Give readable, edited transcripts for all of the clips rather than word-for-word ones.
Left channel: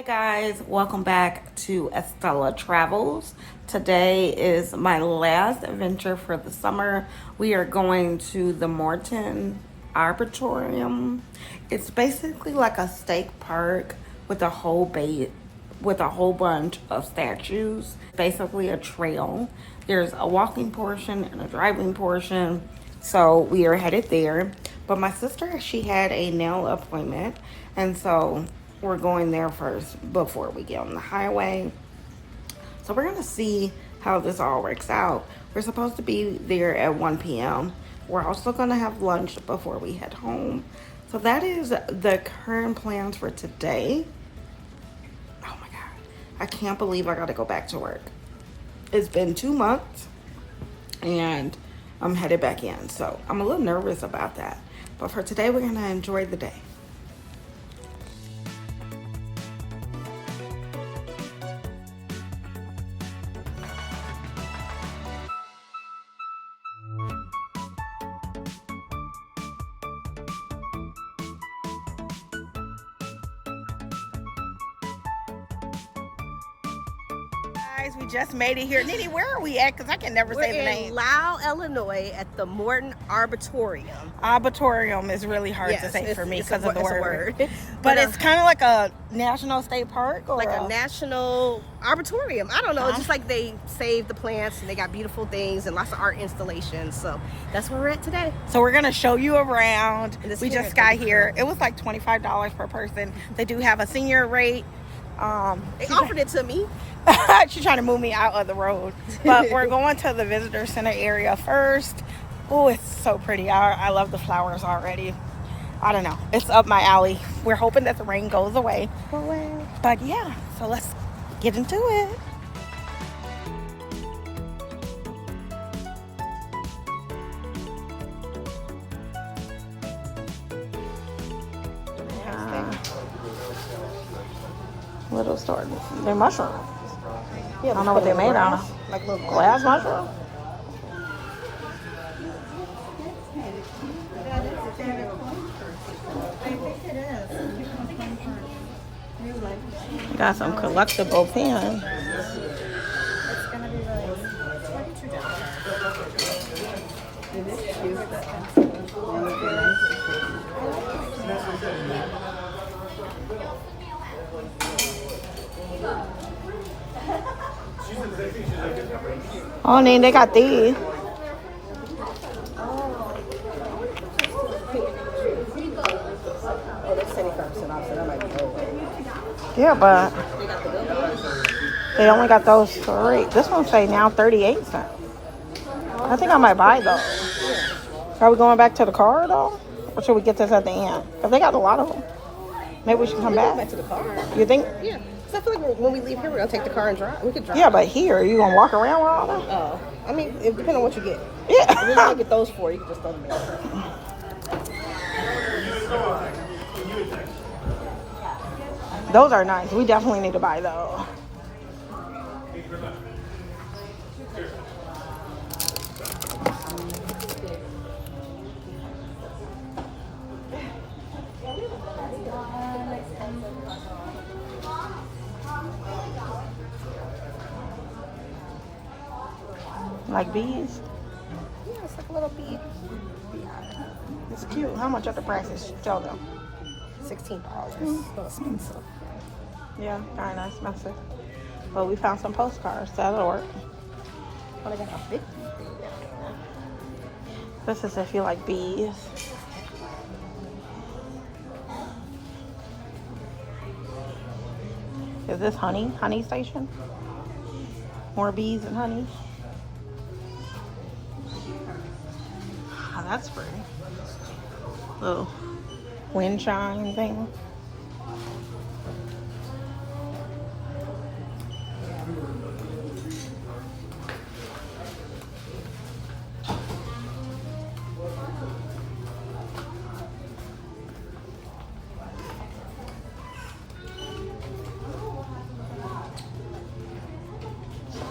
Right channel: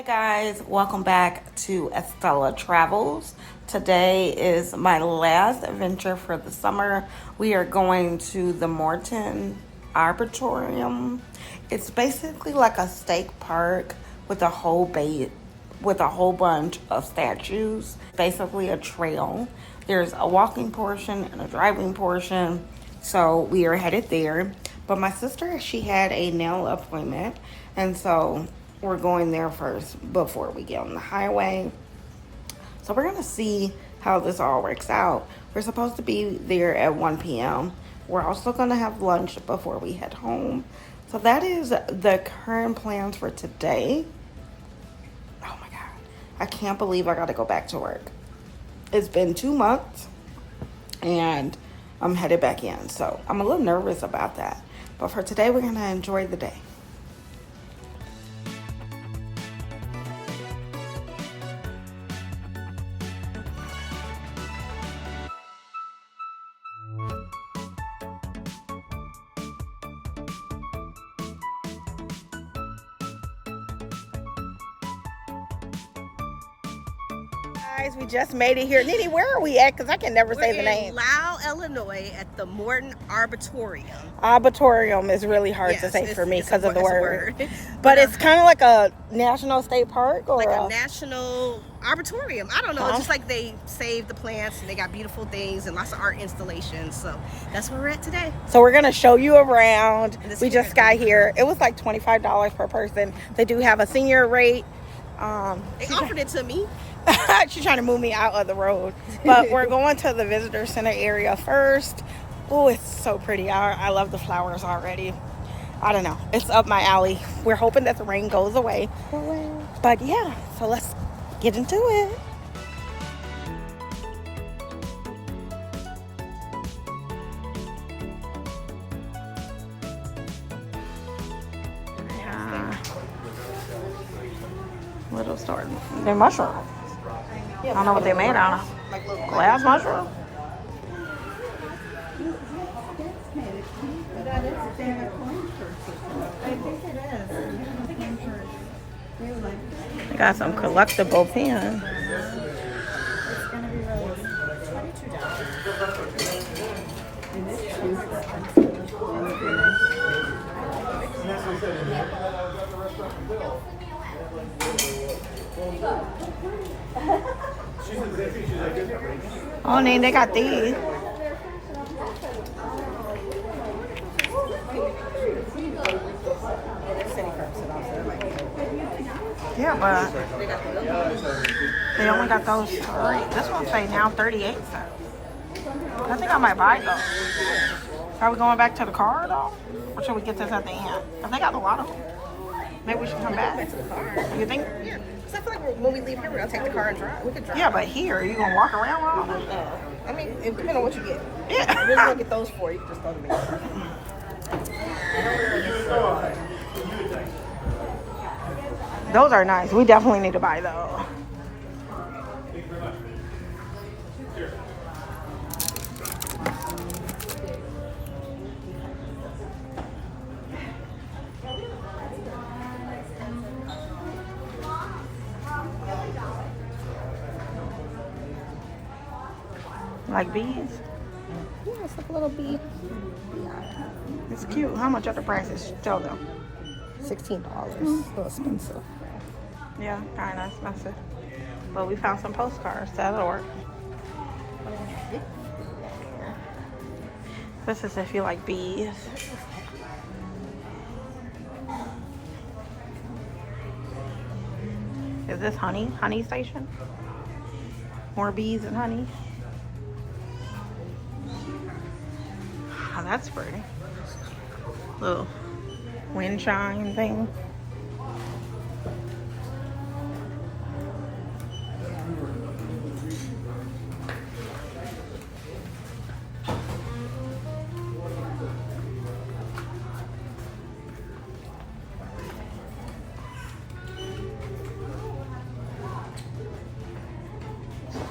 Hi guys, welcome back to Estella Travels. Today is my last adventure for the summer. We are going to the Morton Arboretum. It's basically like a state park with a whole bunch of statues. Basically a trail. There's a walking portion and a driving portion. So we are headed there. But my sister, she had a nail appointment, and so we're going there first before we get on the highway. So we're gonna see how this all works out. We're supposed to be there at 1 p.m. We're also gonna have lunch before we head home. So that is the current plans for today. Oh my God, I can't believe I gotta go back to work. It's been 2 months and I'm headed back in. So I'm a little nervous about that. But for today, we're gonna enjoy the day. We just made it here. Nene, where are we at? Because I can never say the name. We're in Lau, Illinois at the Morton Arboretum. Arboretum is really hard to say for me because of the word. But it's kind of like a national state park or like a national arboretum. I don't know. It's just like they saved the plants and they got beautiful things and lots of art installations. So that's where we're at today. So we're going to show you around. We just got here. It was like $25 per person. They do have a senior rate. They offered it to me. She's trying to move me out of the road. But we're going to the visitor center area first. Oh, it's so pretty. I love the flowers already. I don't know. It's up my alley. We're hoping that the rain goes away. But yeah, so let's get into it. Little store. They're mushroom. I don't know what they made out of. Glass mushroom? They got some collectible pens. Oh, then they got these. Yeah, but they only got those 3. This one say now 38 cents. I think I might buy those. Are we going back to the car though? Or should we get this at the end? Because they got a lot of them. Maybe we should come back. To the car. You think? Yeah. So I feel like when we leave here, we're going to take the car and drive. We could drive. Yeah, but here, are you going to walk around with all them? Oh. I mean, it depends on what you get. Yeah. If you're going to get those 4, you can just throw them in. Those are nice. We definitely need to buy those. Like these? Yeah, it's like a little bead. It's cute. How much are the prices? Tell them. $16. A little expensive. Yeah, kind of expensive. But we found some postcards. That'll work. What are they gonna fit? This is if you like bees. Is this honey? Honey station? More bees and honey? Oh, that's pretty. Little wind chime thing.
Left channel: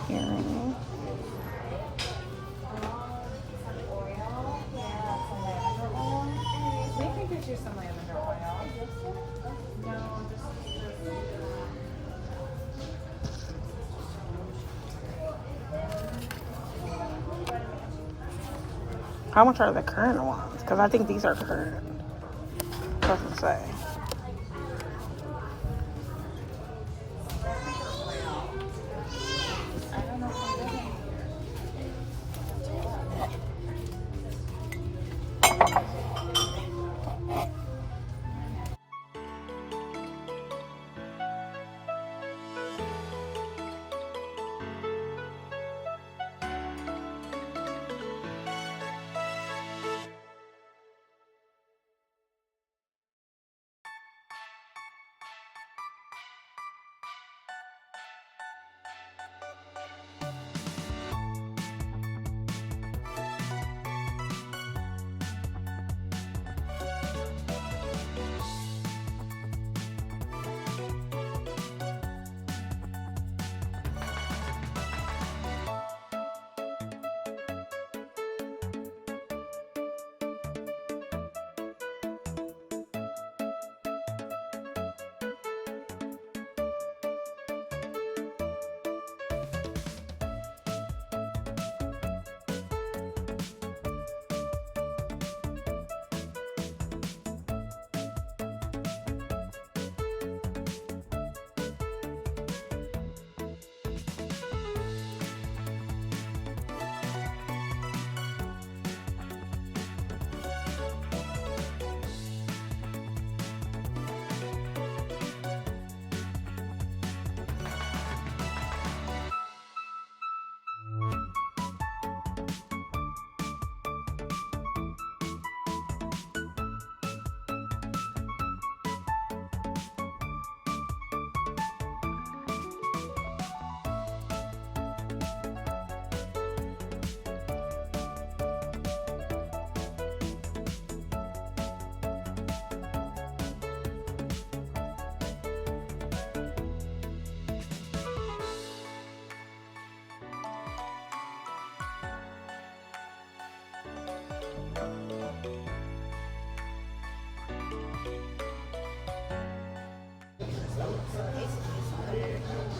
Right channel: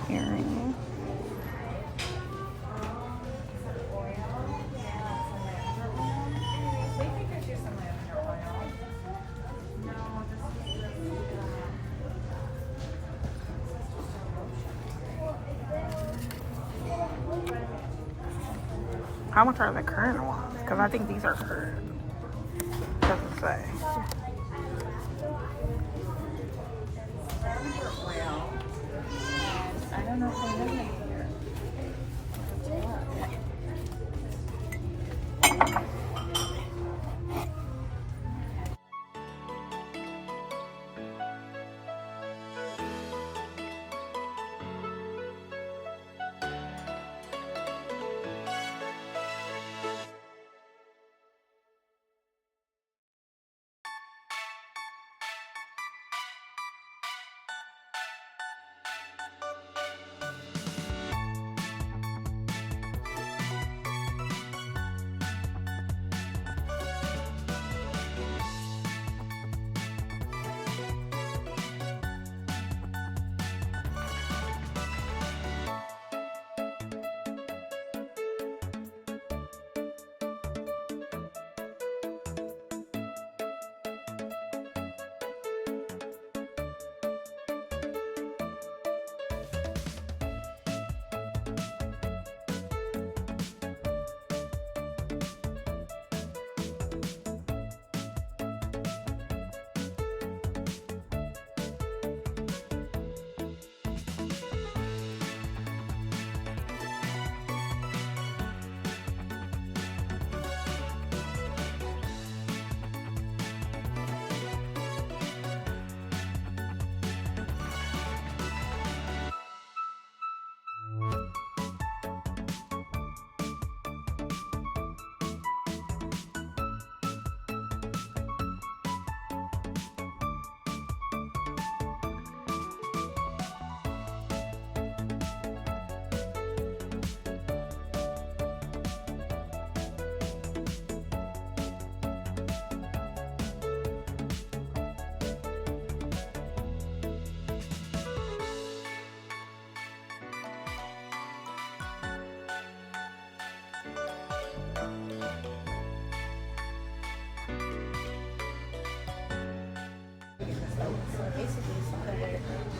Earring. How much are the current ones? Because I think these are current. Doesn't say.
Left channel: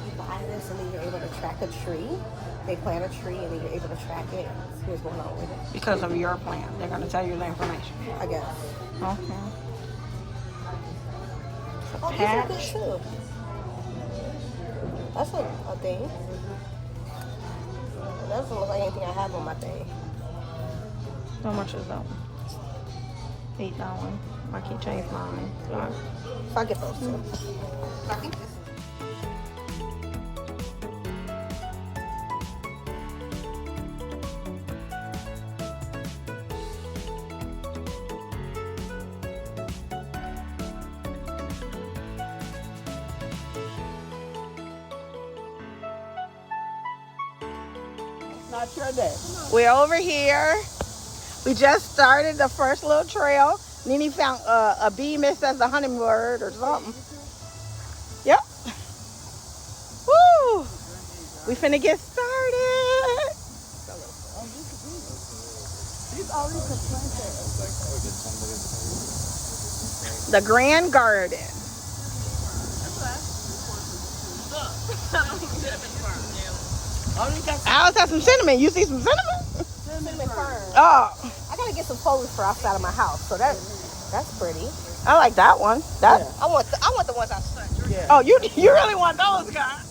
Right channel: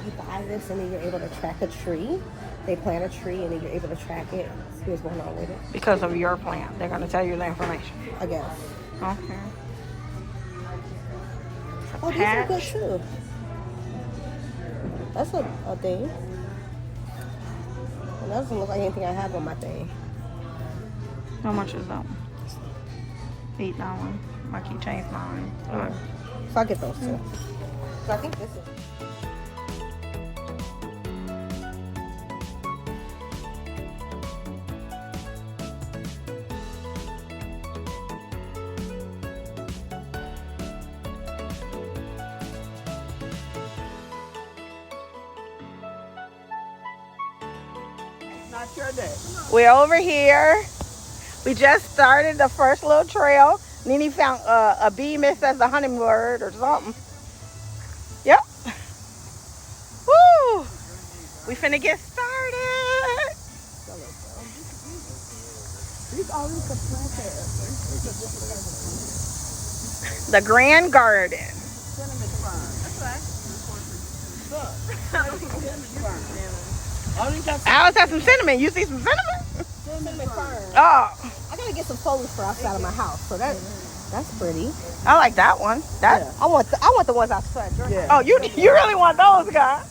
You buy this and then you're able to track a tree. They plant a tree and then you're able to track it. See what's going on with it. Because of your plan. They're going to tell you the information. I guess. Okay. Oh, these are good too. That's a thing. That doesn't look like anything I have on my thing. How much is that one? $8. I can change mine. Fine. So I'll get those too. I think this. Not your day. We're over here. We just started the first little trail. Nene found a bee missed as a hummingbird or something. Yep. Woo! We finna get started. The Grand Garden. Alice has some cinnamon. You see some cinnamon? Cinnamon fern. Oh, I gotta get some foliage for outside of my house, so that's pretty. I like that one. That. Yeah. I want the ones outside. Yeah. Oh, you really want those, guys?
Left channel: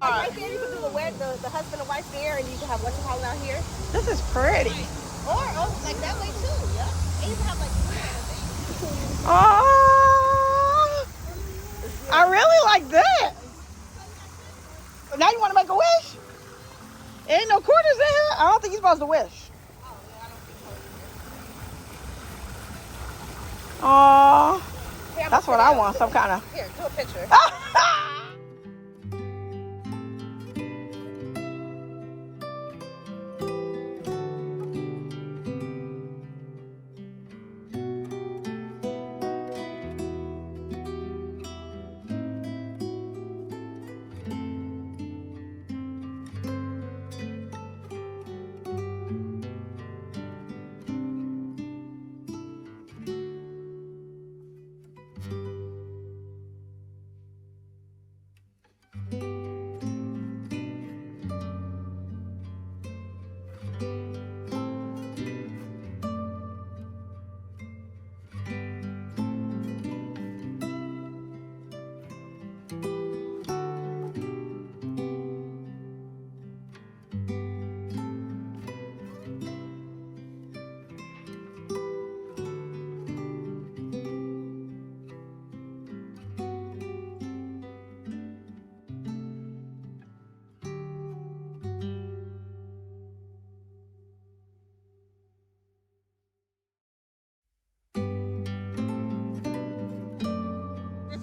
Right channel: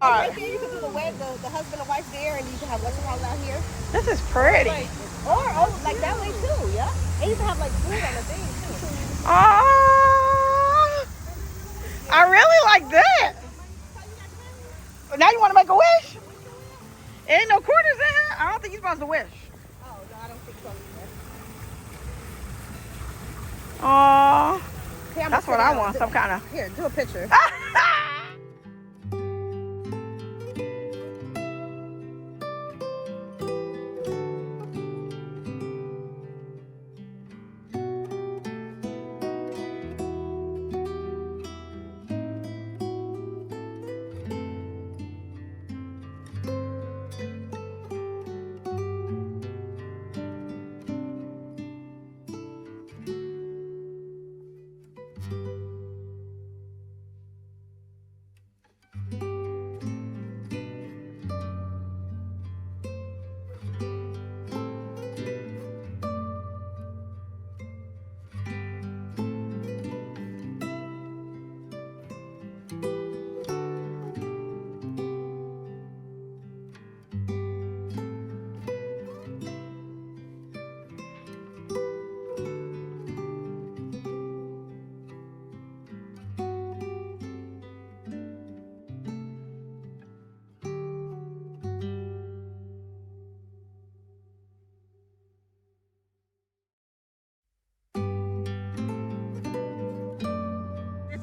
Right there, you can do the husband and wife there, and you can have what you call it out here. This is pretty. Or like that way too, yeah. And you can have like Oh, I really like that. Now you want to make a wish? Ain't no quarters in here. I don't think you're supposed to wish. Oh, that's what I want. Some kind of. Here, do a picture.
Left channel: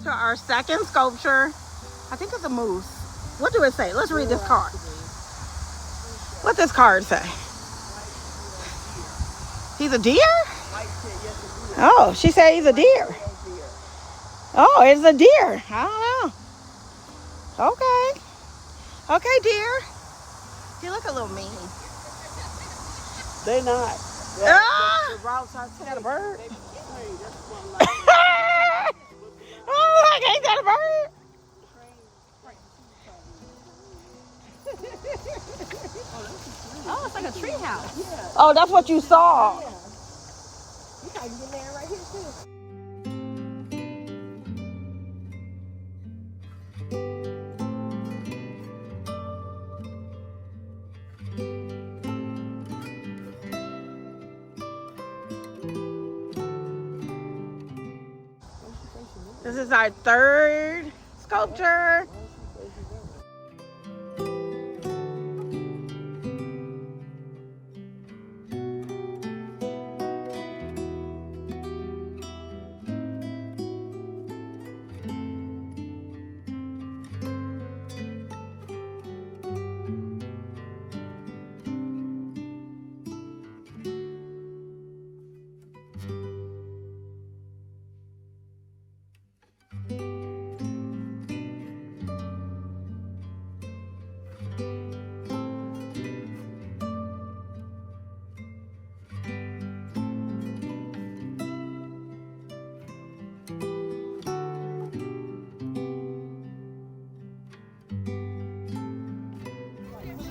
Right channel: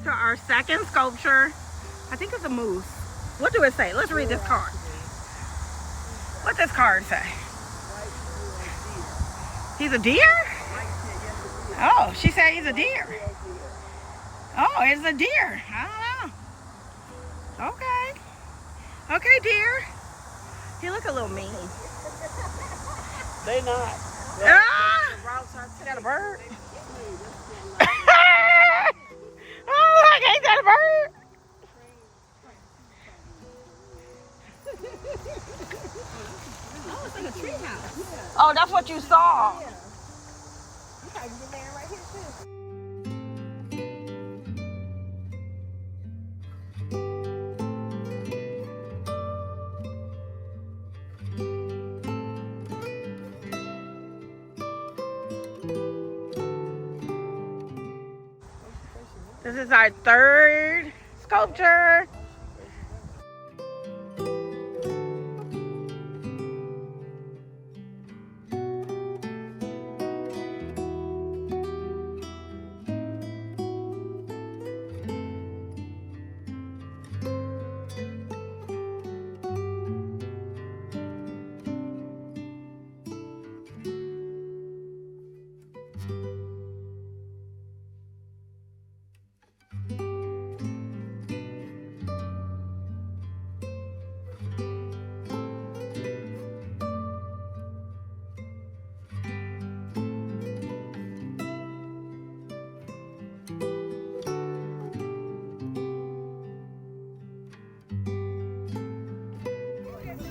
to our second sculpture. I think it's a moose. What do it say? Let's read this card. What this card say? He's a deer? Oh, she said he's a deer. Oh, it's a deer. I don't know. Okay. Okay, deer. He look a little mean. They're not. Ah! I got a bird. Oh, look, ain't that a bird? Oh, it's like a tree house. Oh, that's what you saw. You can get man right here too. This is our third sculpture.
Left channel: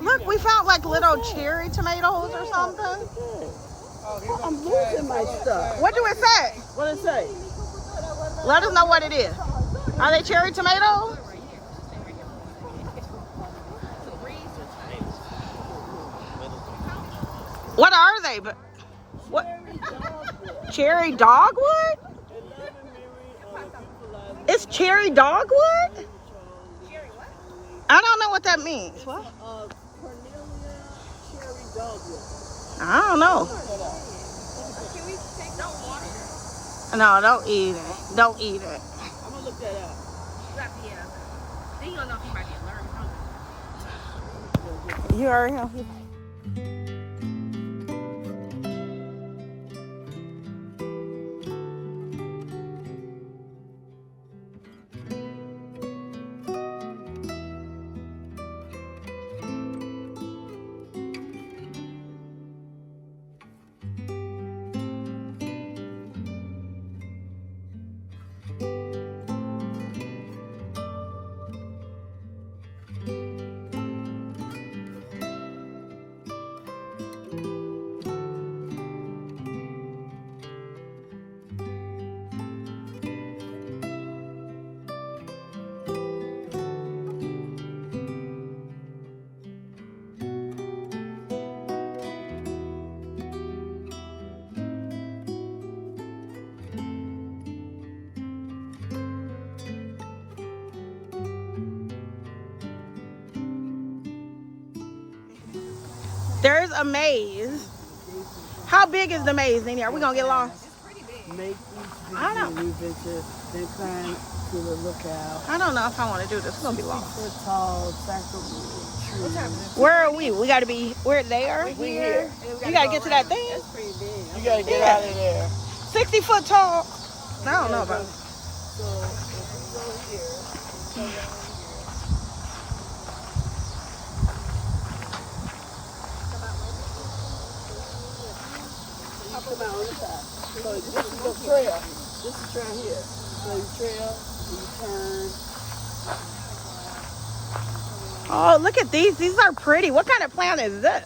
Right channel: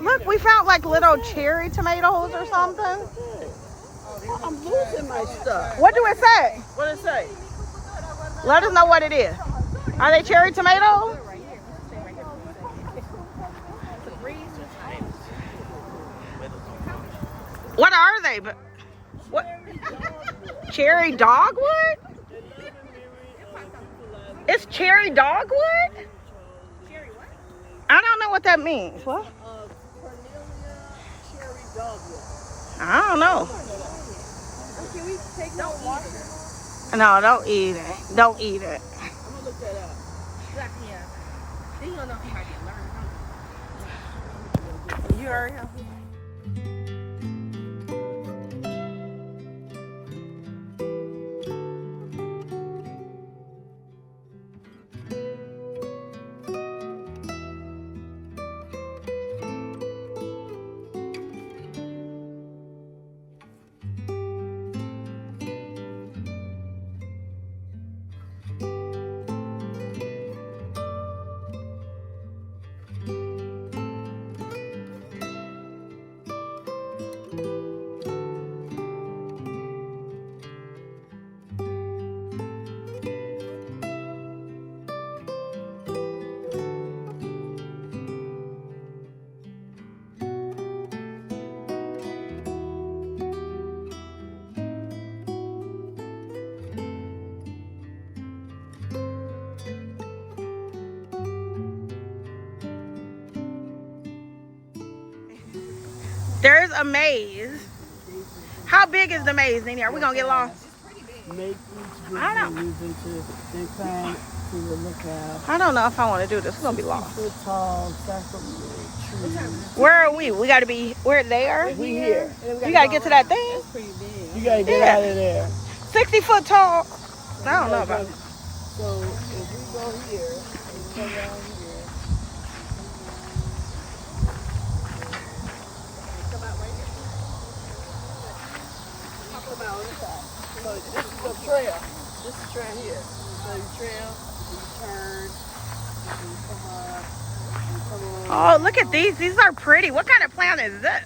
Look, we found like little cherry tomatoes or something. I'm losing my stuff. What do it say? What did it say? Let us know what it is. Are they cherry tomatoes? What are they? But what? Cherry dogwood? It's cherry dogwood? I don't know what that means. What? I don't know. No, don't eat it. Don't eat it. I'm gonna look that up. Yeah. Then you don't know if he might be allergic. You heard him. There's a maze. How big is the maze, Nene? Are we gonna get lost? Make each I don't visit a new venture, then climb to the lookout. I don't know if I want to do this. We're gonna be lost. 6 foot tall, sacral tree. Where are we? We gotta be. We're there. We here. You gotta get to that thing. You gotta get Yeah. out of there. 60 foot tall. I don't know about it. So this is a trail. This is trail here. So you trail, you turn, you come on. Oh, look at these. These are pretty. What kind of plant is this?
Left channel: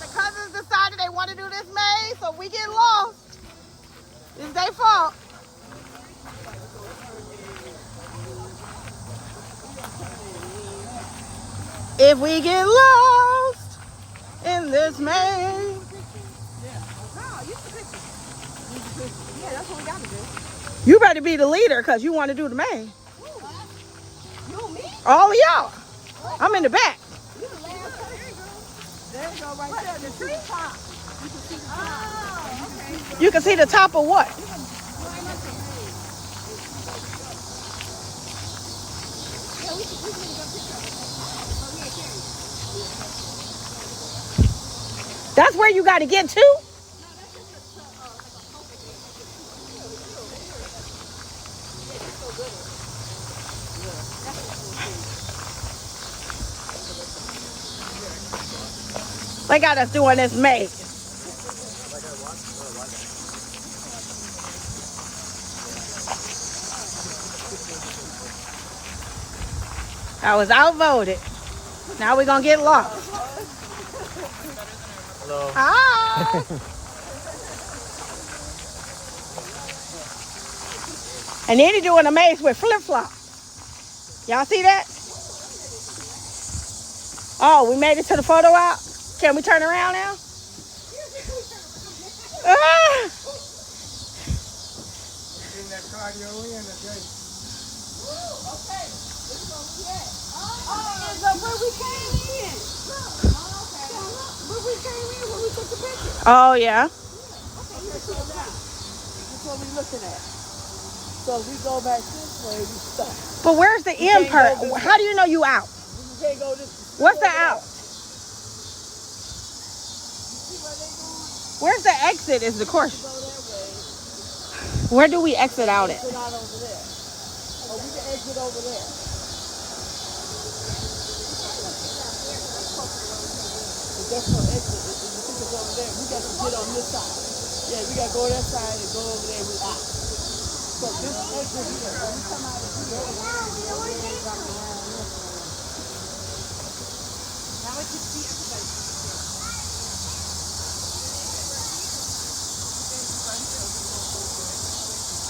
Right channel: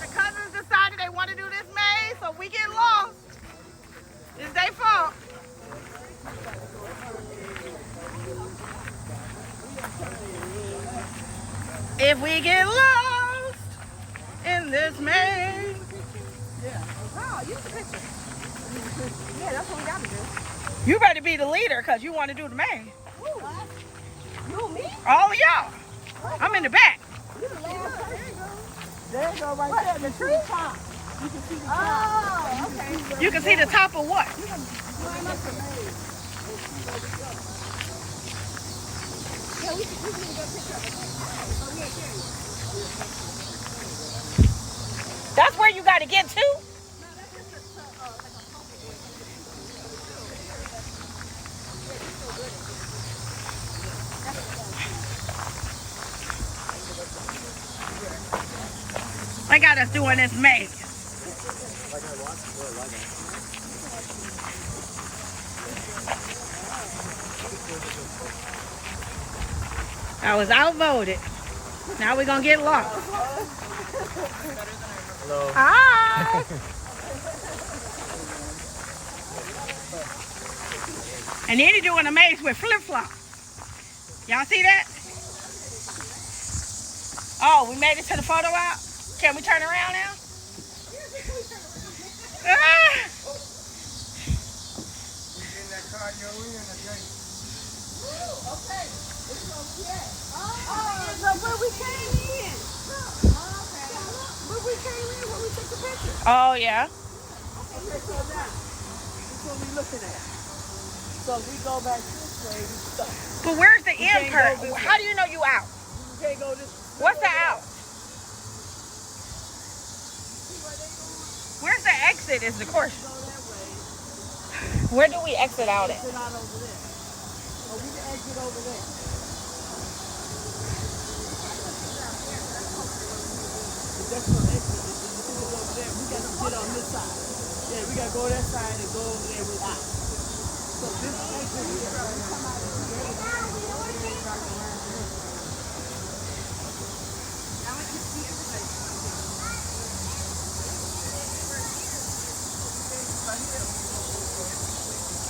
The cousins decided they want to do this maze, so we get lost. It's their fault. If we get lost in this maze. Oh, use the picture. Yeah, that's what we gotta do. You better be the leader because you want to do the main. You, me? All of y'all. I'm in the back. You the last person. There you go, right there. The tree? You can see the top. Oh, okay. You can see the top of what? Climb up there. Yeah, we can go picture of it. Oh, but we ain't carrying it. That's where you got to get to? No, that's just like a focal point. Yeah, she's so good at it. They got us doing this maze. I was outvoted. Now we're gonna get lost. Hello. Hi. And then he's doing a maze with flip-flops. Y'all see that? Oh, we made it to the photo op. Can we turn around now? Oh, yeah. So we go back. But where's the end part? How do you know you out? You can't go this. What's the out? Where's the exit is the question. Where do we exit out at? Exit out over there. Oh, we can exit over there. If that's no exit, if you think it's over there, we got to get on this side. Yeah, we got to go that side and go over there. We out. So this exit.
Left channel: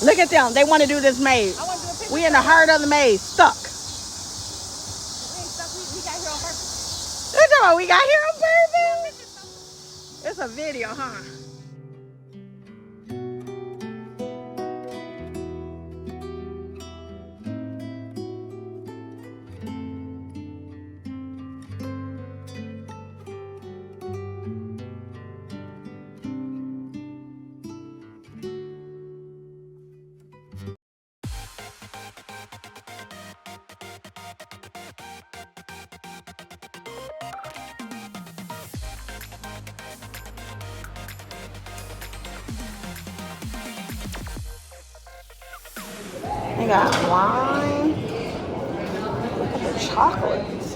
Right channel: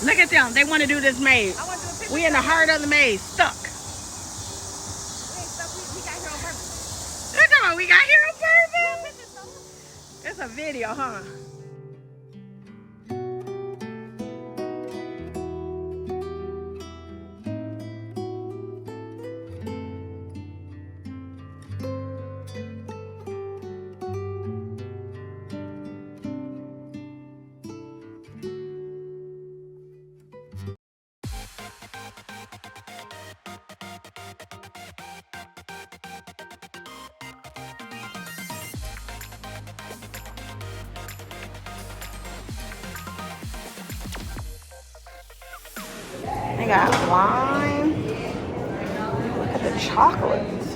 Look at them. They want to do this maze. We in the heart of the maze. Stuck. Look at what we got here on purpose. It's a video, huh? They got wine. Look at the chocolates.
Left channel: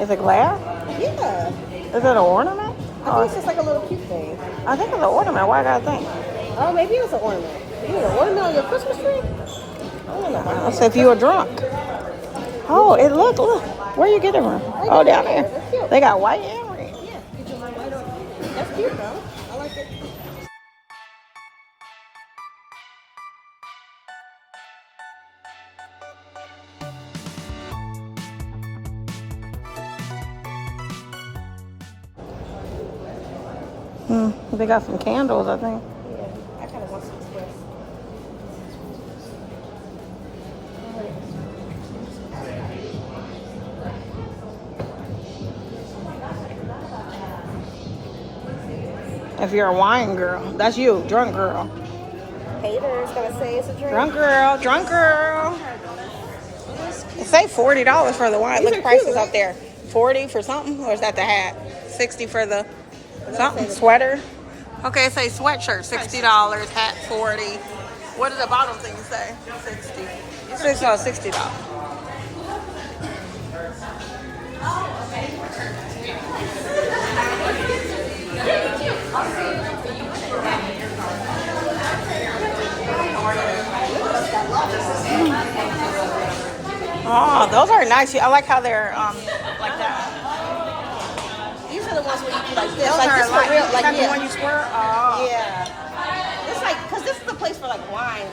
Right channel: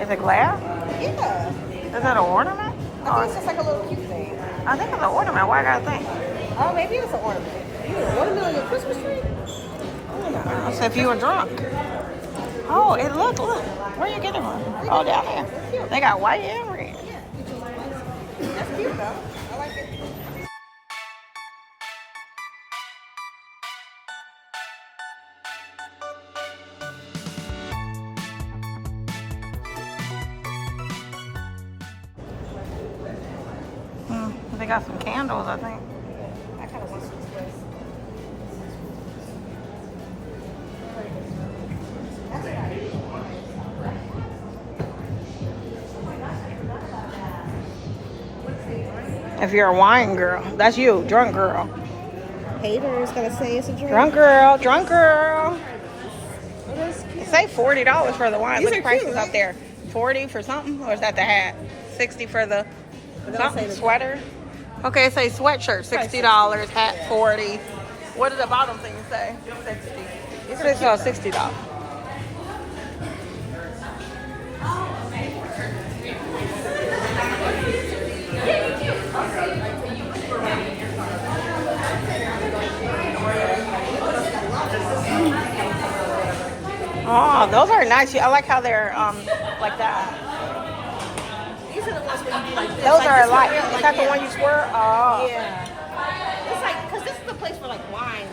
Is it glass? Yeah. Is it an ornament? I think it's just like a little cute thing. I think it's an ornament. Why I gotta think? Oh, maybe it was an ornament. You know, ornament on your Christmas tree? I don't know. Let's say if you were drunk. Oh, it look. Where you get it from? Oh, down there. They got white and red. Yeah, you just white on. That's cute though. I like it. They got some candles, I think. I kind of want some of this. If you're a wine girl, that's you, drunk girl. Haters gonna say it's a drink. Drunk girl, drunk girl. It say $40 for the wine. These Look, are prices cute, up right? there. 40 for something, or is that the hat? 60 for the something sweater. Okay, it say sweatshirt $60, hat 40. What does the bottom thing say? 60. $60. Oh, those are nice. I like how they're like that. These are the ones like this. Those are this like, real- is that the yeah. one you swear? Oh. Yeah. It's like, because this is the place for like wine.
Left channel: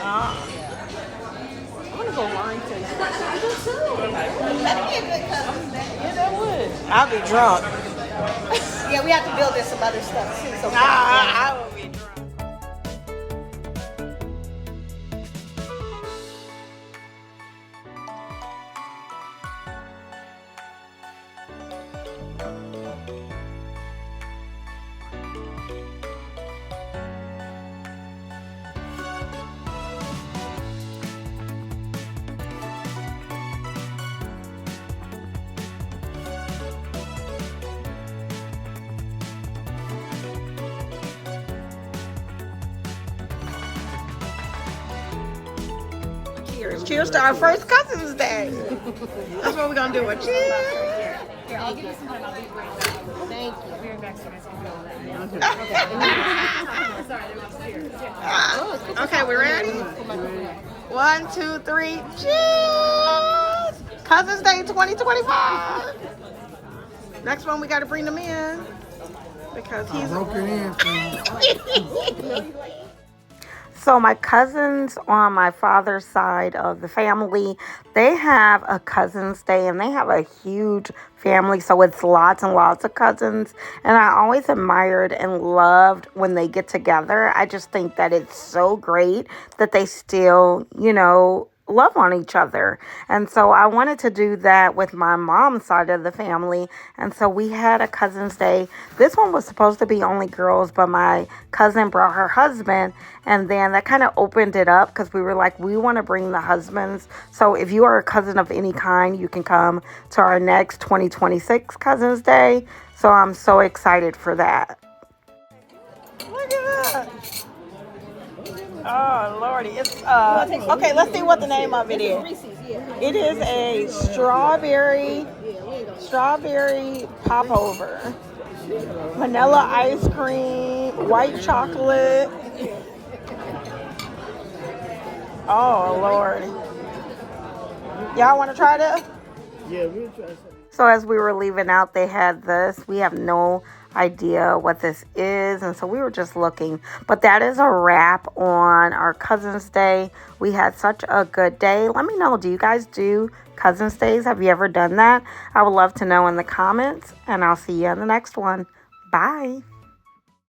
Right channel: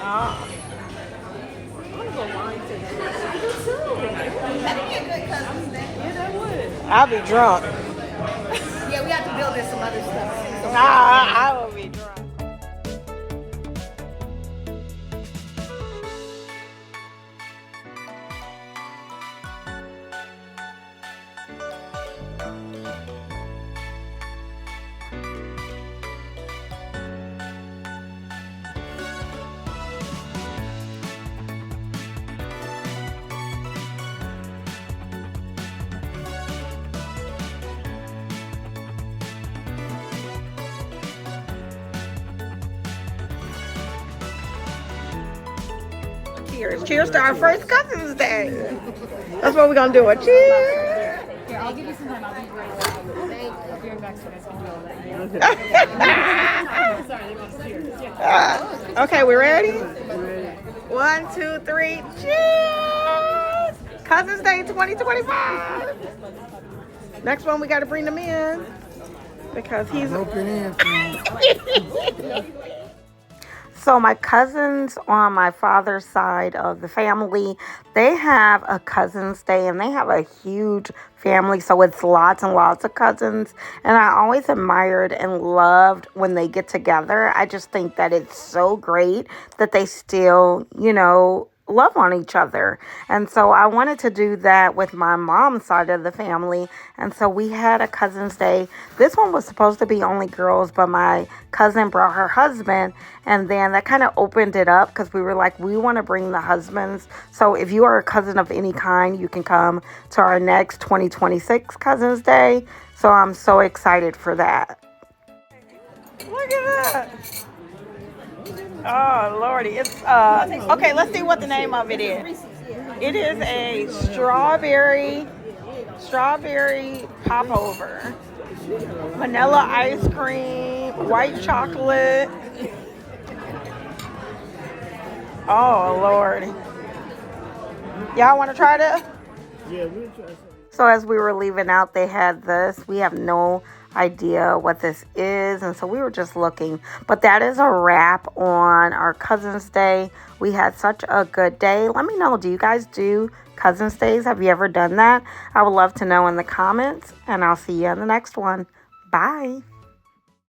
Oh. That'd be a good cut. I'll be drunk. Yeah, we have to build in some other stuff. I will be drunk. Cheers. Cheers to our first Cousin's Day. That's what we're going to do. A cheers. I'll give you some time. I'll be great. Thank you. You're next to myself. Okay, we ready? 1, 2, 3. Cheers. Cousin's Day 2025. Next one, we got to bring them in because he's broken in. So my cousins on my father's side of the family, they have a Cousin's Day and they have a huge family. So it's lots and lots of cousins. And I always admired and loved when they get together. I just think that it's so great that they still, love on each other. And so I wanted to do that with my mom's side of the family. And so we had a Cousin's Day. This one was supposed to be only girls, but my cousin brought her husband. And then that kind of opened it up because we were like, we want to bring the husbands. So if you are a cousin of any kind, you can come to our next 2026 Cousin's Day. So I'm so excited for that. Look at that. Oh, Lordy. It's, okay, let's see what the name of it is. It is a strawberry popover. Vanilla ice cream, white chocolate. Oh, Lord. Y'all want to try this? Yeah, we'll try something. So as we were leaving out, they had this. We have no idea what this is, and so we were just looking. But that is a wrap on our Cousin's Day. We had such a good day. Let me know, do you guys do Cousin's Days? Have you ever done that? I would love to know in the comments, and I'll see you in the next one. Bye.